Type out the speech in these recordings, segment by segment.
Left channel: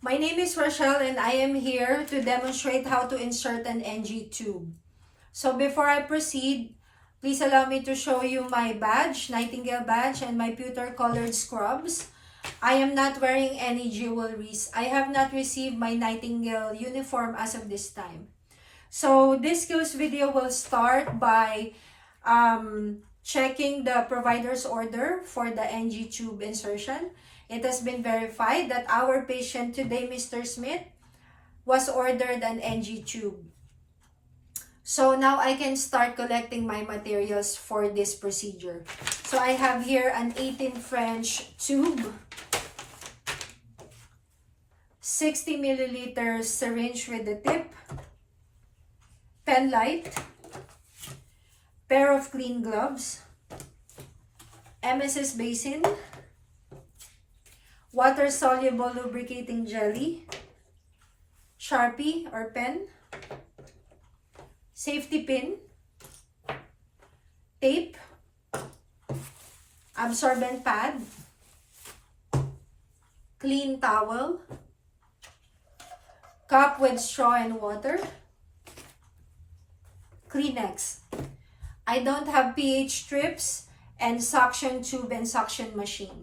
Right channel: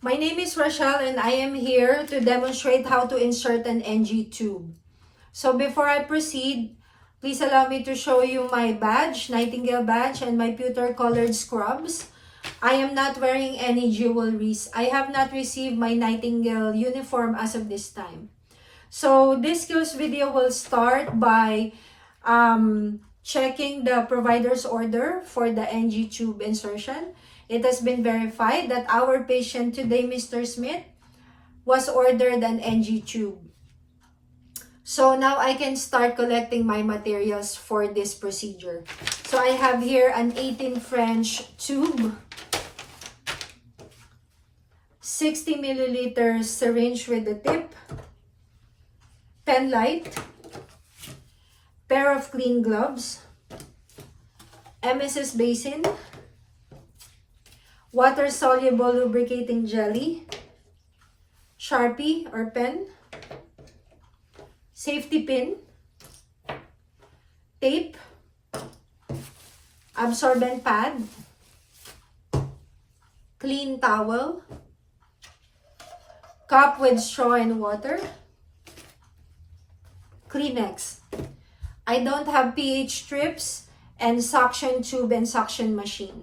My name is Rochelle and I am here to demonstrate how to insert an NG tube. So before I proceed, please allow me to show you my badge, Nightingale badge, and my pewter colored scrubs. I am not wearing any jewelries. I have not received my Nightingale uniform as of this time. So this skills video will start by checking the provider's order for the NG tube insertion. It has been verified that our patient today, Mr. Smith, was ordered an NG tube. So now I can start collecting my materials for this procedure. So I have here an 18 French tube, 60 milliliters syringe with the tip, pen light, pair of clean gloves, MSS basin, water-soluble lubricating jelly, Sharpie or pen, safety pin, tape, absorbent pad, clean towel, cup with straw and water, Kleenex. I don't have pH strips and suction tube and suction machine.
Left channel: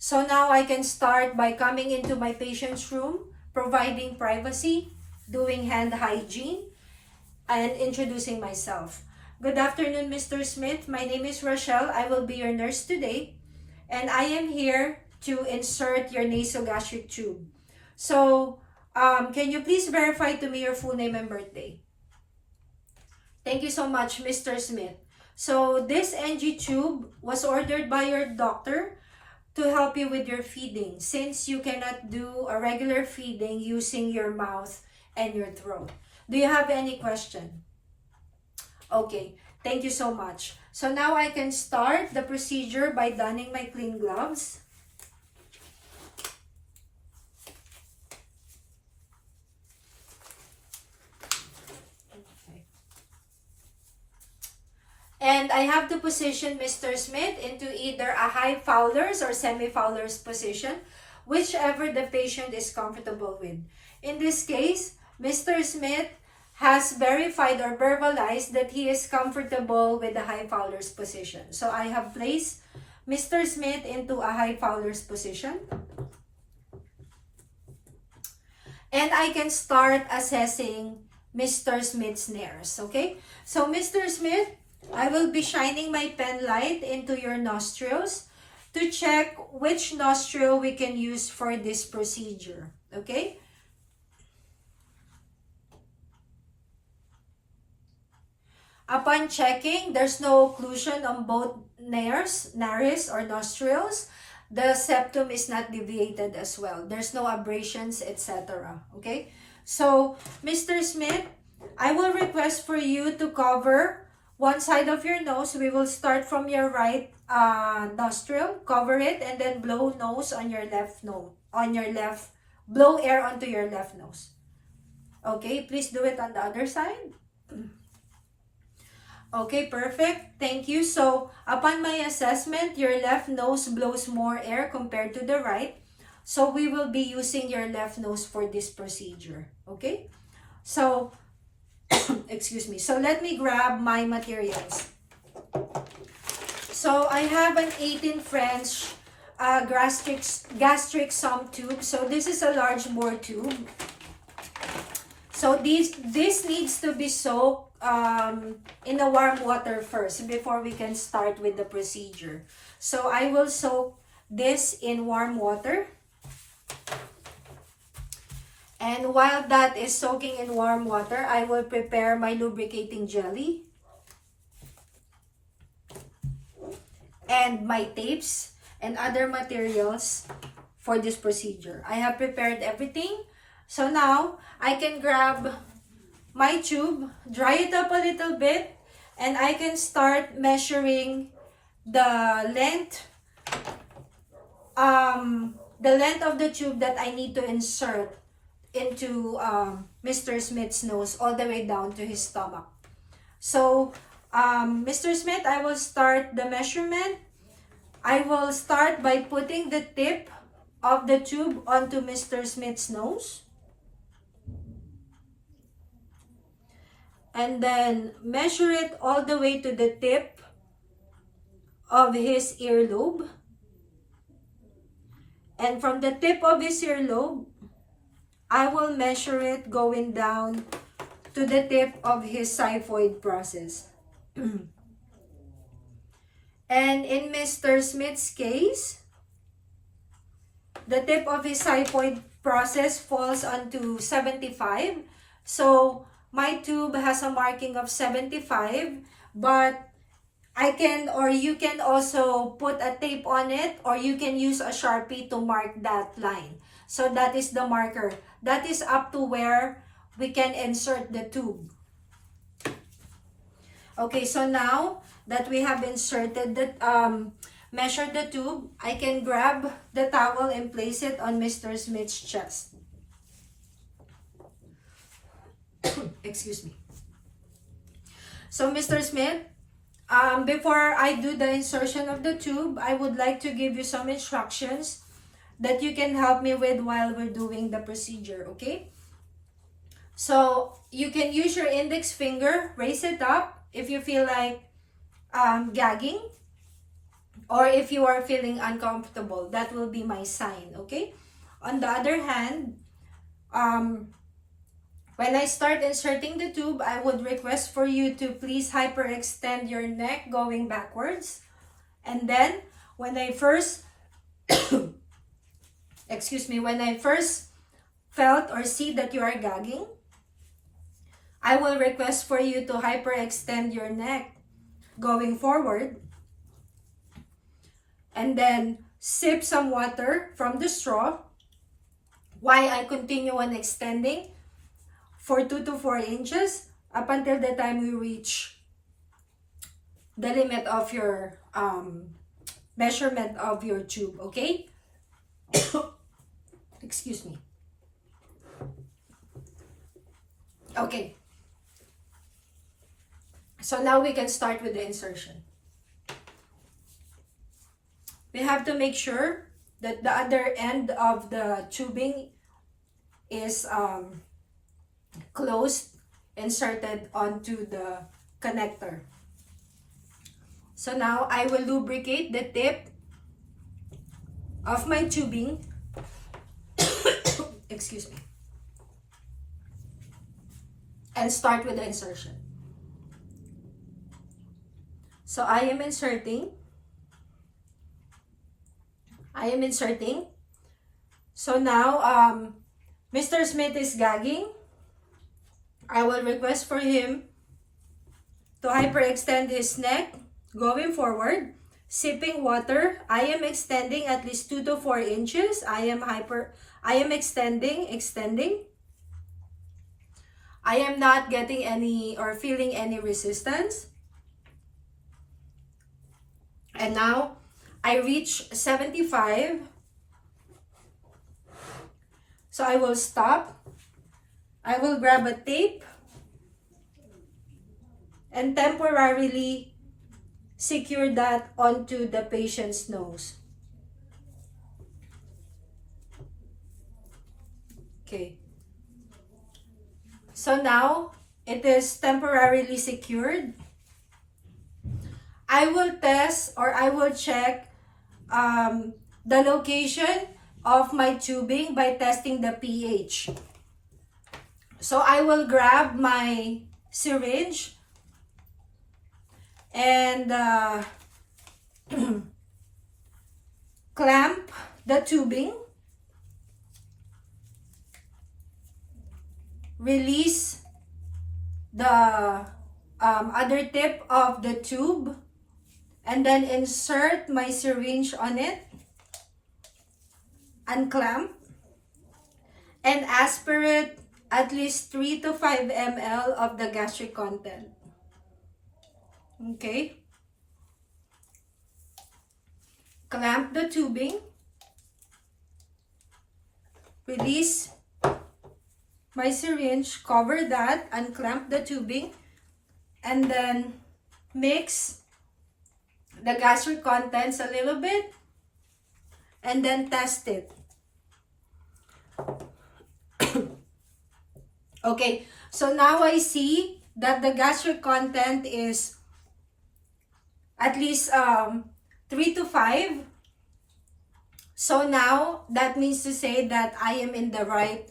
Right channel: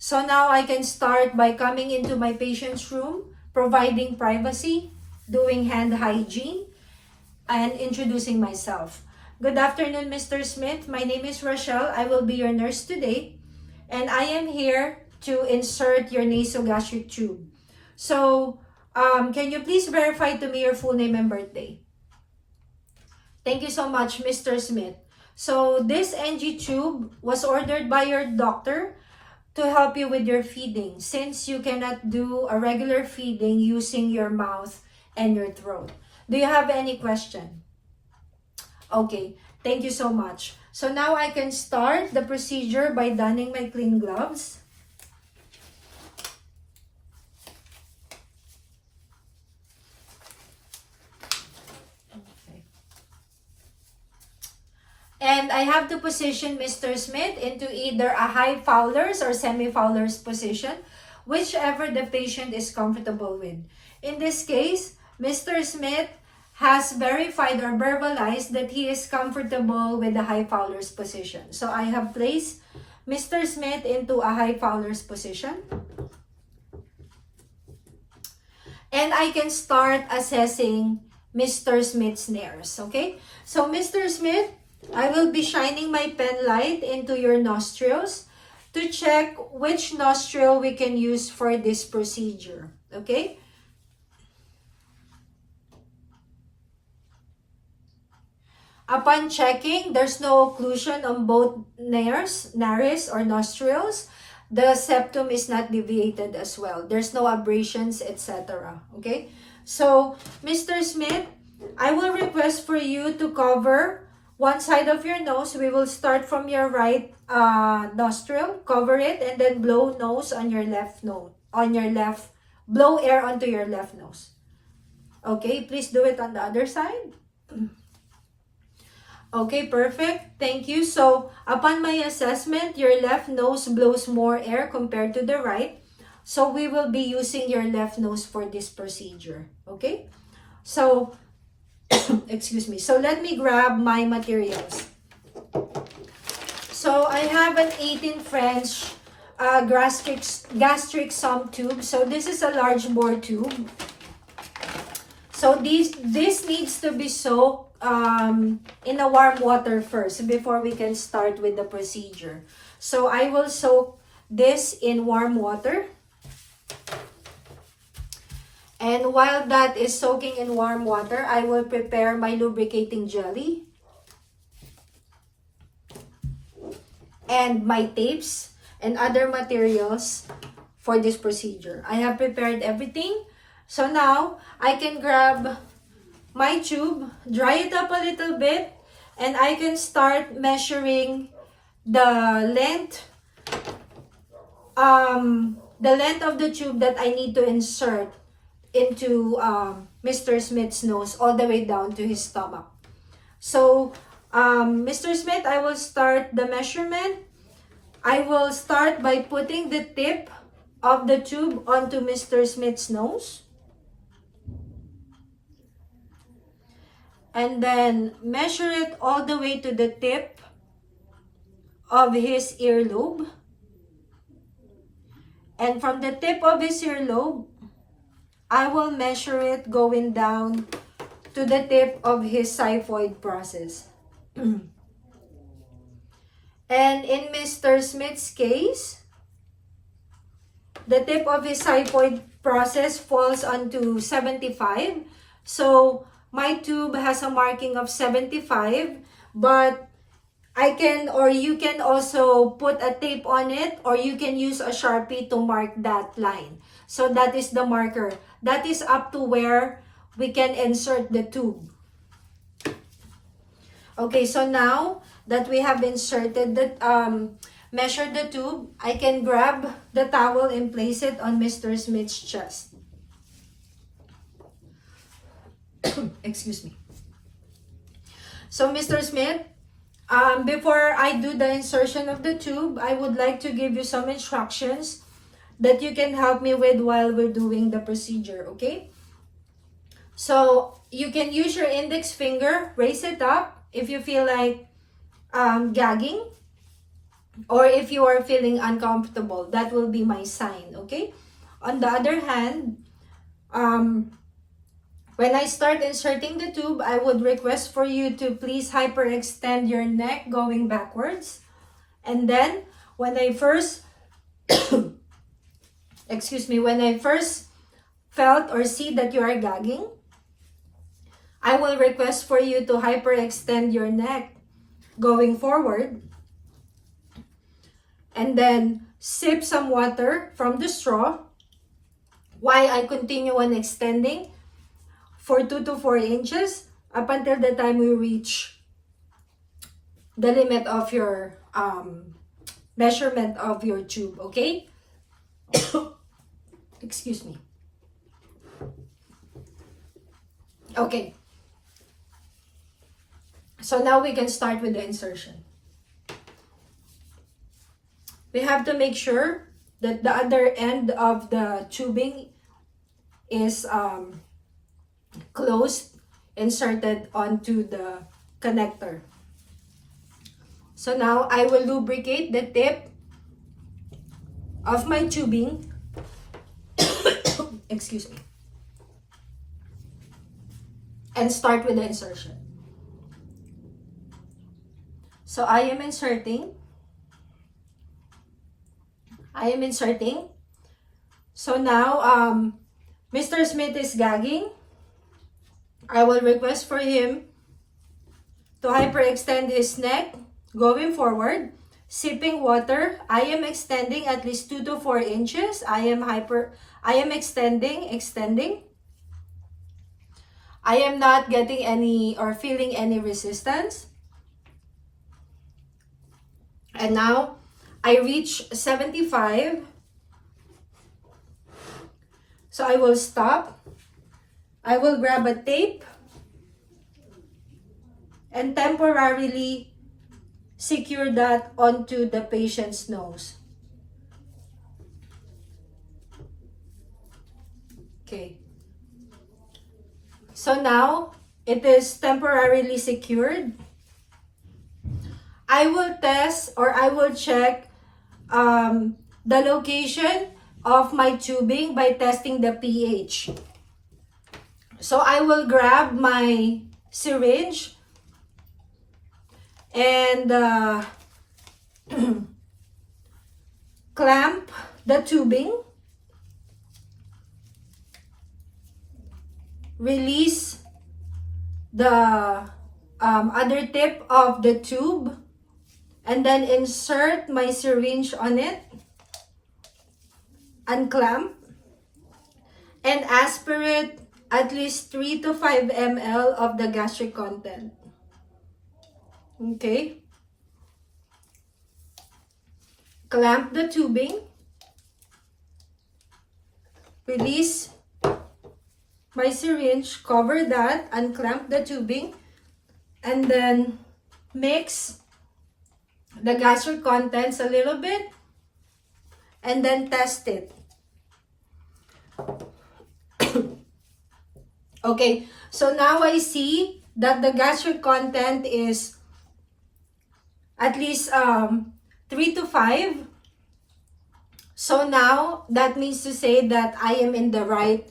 So now I can start by coming into my patient's room, providing privacy, doing hand hygiene, and introducing myself. Good afternoon, Mr. Smith. My name is Rochelle. I will be your nurse today, and I am here to insert your nasogastric tube. So, can you please verify to me your full name and birthday? Thank you so much, Mr. Smith. So, this NG tube was ordered by your doctor to help you with your feeding, since you cannot do a regular feeding using your mouth and your throat. Do you have any question? Okay, thank you so much. So now I can start the procedure by donning my clean gloves. Okay. And I have to position Mr. Smith into either a high Fowler's or semi-Fowler's position, whichever the patient is comfortable with. In this case, Mr. Smith has verified or verbalized that he is comfortable with the high Fowler's position. So I have placed Mr. Smith into a high Fowler's position. And I can start assessing Mr. Smith's nares, okay? So Mr. Smith, I will be shining my pen light into your nostrils to check which nostril we can use for this procedure, okay? Upon checking, there's no occlusion on both nares or nostrils. The septum is not deviated as well. There's no abrasions, etc. Okay? So, Mr. Smith, I will request for you to cover one side of your nose. We will start from your right nostril, cover it, and then blow nose on your left nose. Blow air onto your left nose. Okay, please do it on the other side. Okay, perfect. Thank you. So, upon my assessment, your left nose blows more air compared to the right. So, we will be using your left nose for this procedure. Okay? So, excuse me. So, let me grab my materials. So, I have an 18 French gastric sump tube. So, this is a large bore tube. So, this needs to be soaked in a warm water first before we can start with the procedure. So I will soak this in warm water. And while that is soaking in warm water, I will prepare my lubricating jelly and my tapes and other materials for this procedure. I have prepared everything. So now I can grab my tube, dry it up a little bit, and I can start measuring the length of the tube that I need to insert into Mr. Smith's nose all the way down to his stomach. So, Mr. Smith, I will start the measurement. I will start by putting the tip of the tube onto Mr. Smith's nose. And then measure it all the way to the tip of his earlobe. And from the tip of his earlobe, I will measure it going down to the tip of his xiphoid process. And in Mr. Smith's case, the tip of his xiphoid process falls onto 75. So my tube has a marking of 75, but I can, or you can also put a tape on it, or you can use a Sharpie to mark that line. So that is the marker. That is up to where we can insert the tube. Okay, so now that we have inserted the, measured the tube, I can grab the towel and place it on Mr. Smith's chest. Excuse me. So Mr. Smith, before I do the insertion of the tube, I would like to give you some instructions that you can help me with while we're doing the procedure, okay? So you can use your index finger, raise it up if you feel like gagging, or if you are feeling uncomfortable. That will be my sign, okay? On the other hand, when I start inserting the tube, I would request for you to please hyperextend your neck going backwards. And then when I first, excuse me, when I first felt or see that you are gagging, I will request for you to hyperextend your neck going forward. And then sip some water from the straw while I continue on extending for 2 to 4 inches up until the time we reach the limit of your measurement of your tube, okay? Excuse me. Okay. So now we can start with the insertion. We have to make sure that the other end of the tubing is closed, inserted onto the connector. So now I will lubricate the tip of my tubing. Excuse me. And start with the insertion. So I am inserting. So now Mr. Smith is gagging. I will request for him to hyperextend his neck going forward, sipping water. I am extending at least 2 to 4 inches. I am extending. I am not getting any or feeling any resistance. And now I reach 75. So I will stop. I will grab a tape and temporarily secure that onto the patient's nose. Okay. So now it is temporarily secured. I will test, or I will check the location of my tubing by testing the pH. So I will grab my syringe and clamp the tubing, release the other tip of the tube, and then insert my syringe on it, unclamp, and aspirate at least 3 to 5 ml of the gastric content. Okay. Clamp the tubing, release my syringe, cover that, unclamp the tubing, and then mix the gastric contents a little bit, and then test it. Okay, so now I see that the gastric content is at least 3 to 5. So now that means to say that I am in the right,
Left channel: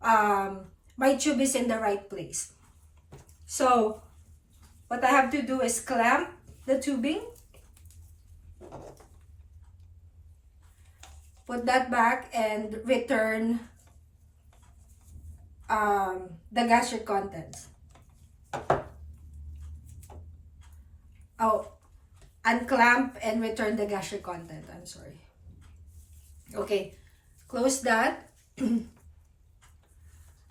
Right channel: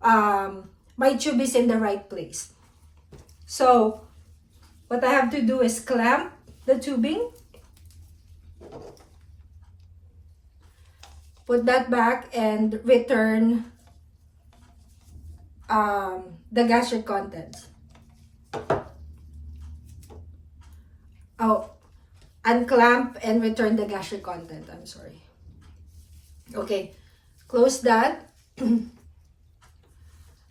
my tube is in the right place. So what I have to do is clamp the tubing, put that back, and return the gastric contents. Oh, unclamp and return the gastric content. I'm sorry. Okay, close that and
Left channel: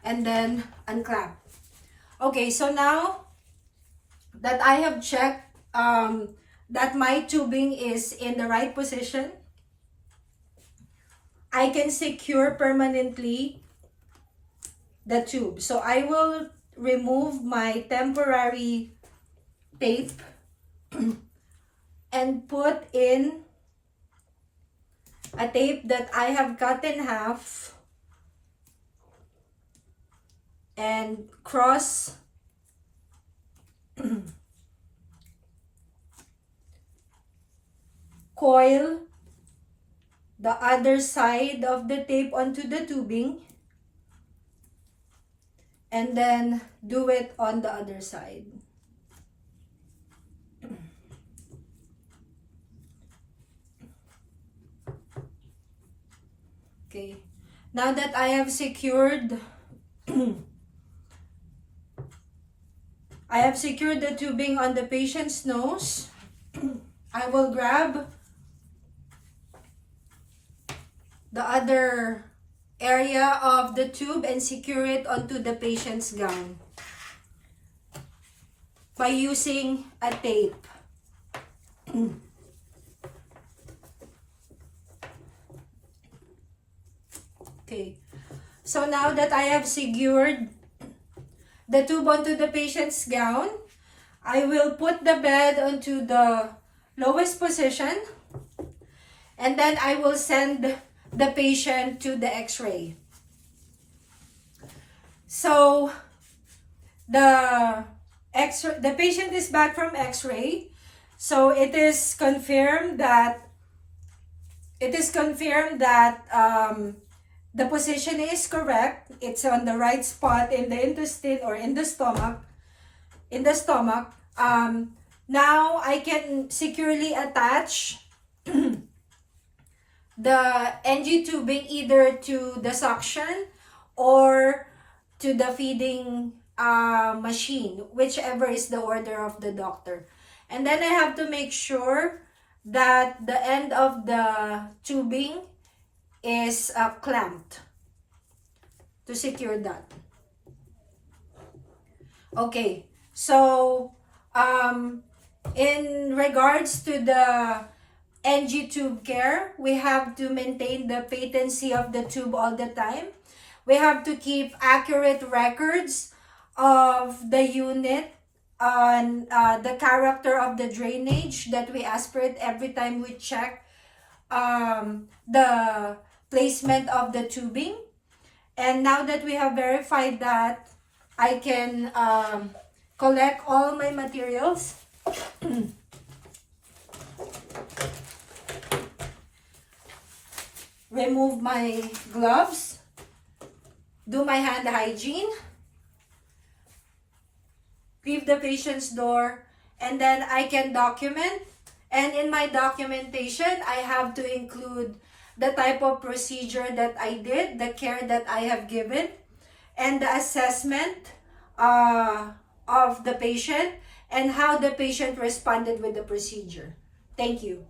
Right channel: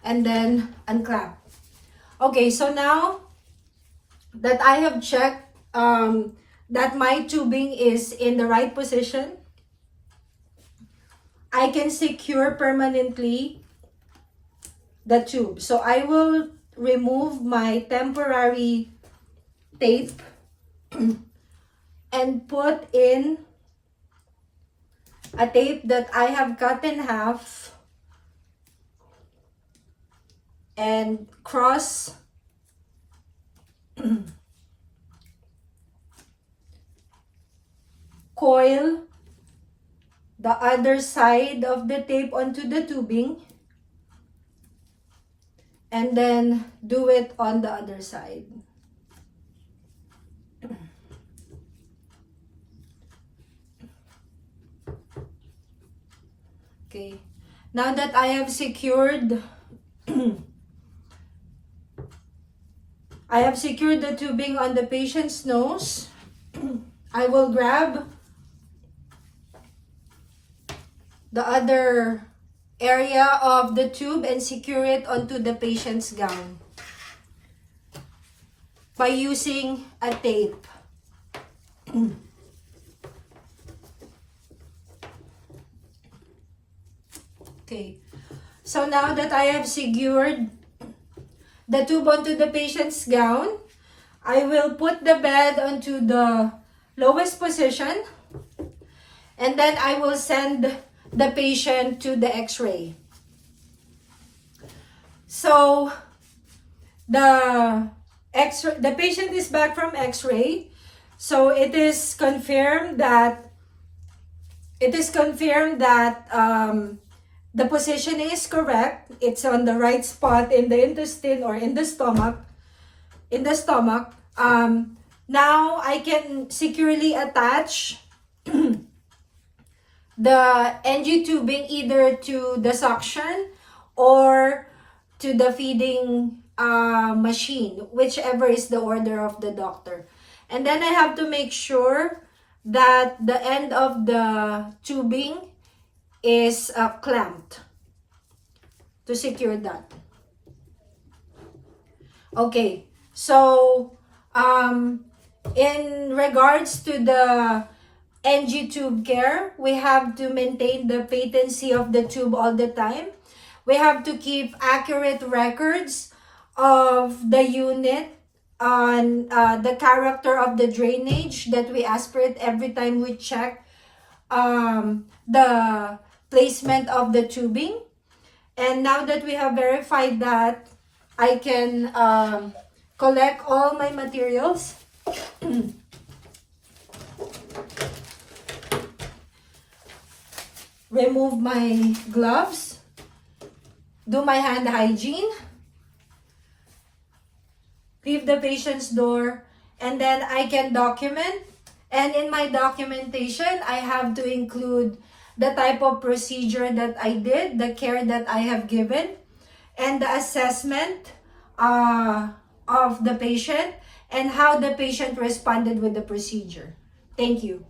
then unclamp. Okay, so now that I have checked that my tubing is in the right position, I can secure permanently the tube. So I will remove my temporary tape and put in a tape that I have cut in half and cross coil the other side of the tape onto the tubing, and then do it on the other side. Okay, now that I have secured the tubing on the patient's nose, I will grab the other area of the tube and secure it onto the patient's gown by using a tape. Okay, so now that I have secured the tube onto the patient's gown, I will put the bed onto the lowest position, and then I will send the patient to the x-ray. So the patient is back from x-ray, so it is confirmed that the position is correct. It's on the right spot in the intestine or in the stomach. Now I can securely attach the NG tubing either to the suction or to the feeding machine, whichever is the order of the doctor. And then I have to make sure that the end of the tubing is clamped to secure that. Okay, so in regards to the NG tube care, we have to maintain the patency of the tube all the time. We have to keep accurate records of the unit on the character of the drainage that we aspirate every time we check the placement of the tubing. And now that we have verified that, I can collect all my materials. Remove my gloves, do my hand hygiene, leave the patient's door, and then I can document. And in my documentation, I have to include the type of procedure that I did, the care that I have given, and the assessment of the patient, and how the patient responded with the procedure. Thank you.